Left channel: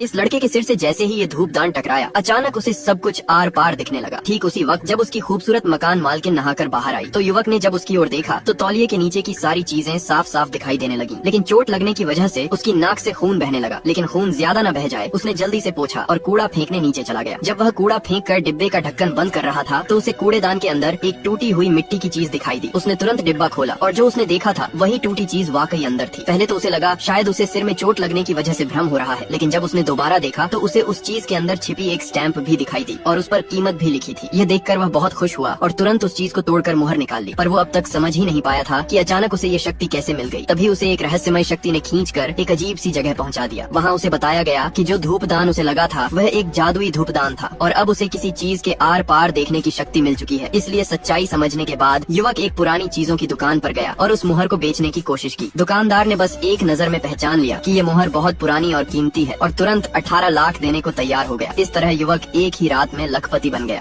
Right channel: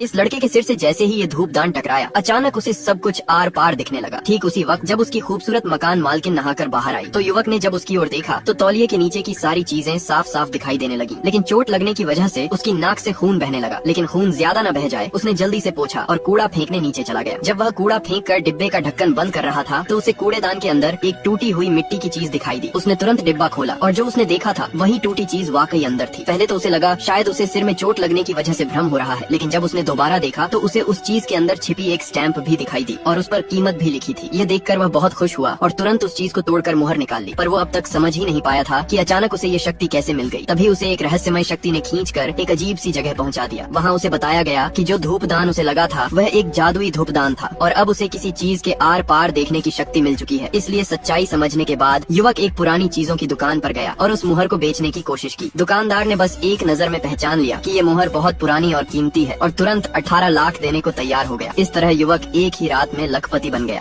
इस लड़के के सिर से जैसे ही ये धूपदान टकराया, अचानक उसे सब कुछ आर पार दिखने लगा। ठीक उसी वक्त जब उसकी खूबसूरत मकान मालकिन नहाकर बाहर आई तो युवक ने जब उसकी ओर देखा तो तौलिए के नीचे की सारी चीजें साफ साफ दिखाई देने लगी। लेकिन चोट लगने की वजह से उसकी नाक से खून बहने लगा। लेकिन खून ज्यादा न बह जाए उसने जल्दी से पोंछा और कूड़ा फेंकने नीचे चला गया। जब वह कूड़ा फेंक कर डिब्बे का ढक्कन बंद कर रहा था तो उसे कूड़ेदान के अंदर एक टूटी हुई मिट्टी की चीज दिखाई दी। उसने तुरंत डिब्बा खोला और जो उसने देखा था वही टूटी चीज वाकई अंदर थी। पहले तो उसे लगा शायद उसे सिर में चोट लगने की वजह से भ्रम हो रहा है, लेकिन जब उसने दोबारा देखा तो उसे उस चीज के अंदर छिपी एक स्टैंप भी दिखाई दी और उस पर कीमत भी लिखी थी। यह देखकर वह बहुत खुश हुआ और तुरंत उस चीज को तोड़कर मुहर निकाल ली। पर वो अब तक समझ ही नहीं पाया था कि अचानक उसे ये शक्ति कैसे मिल गई। तभी उसे एक रहस्यमय शक्ति ने खींचकर एक अजीब सी जगह पहुंचा दिया। वहाँ उसे बताया गया कि जो धूपदान उसे लगा था वह एक जादुई धूपदान था और अब उसे किसी चीज के आर पार देखने की शक्ति मिल चुकी है। इसलिए सच्चाई समझने के बाद युवक एक पुरानी चीजों की दुकान पर गया और उस मुहर को बेचने की कोशिश की। दुकानदार ने बस एक नजर में पहचान लिया कि ये मुहर बहुत पुरानी और कीमती है और तुरंत 18 लाख देने को तैयार हो गया। इस तरह युवक एक ही रात में लखपति बन गया।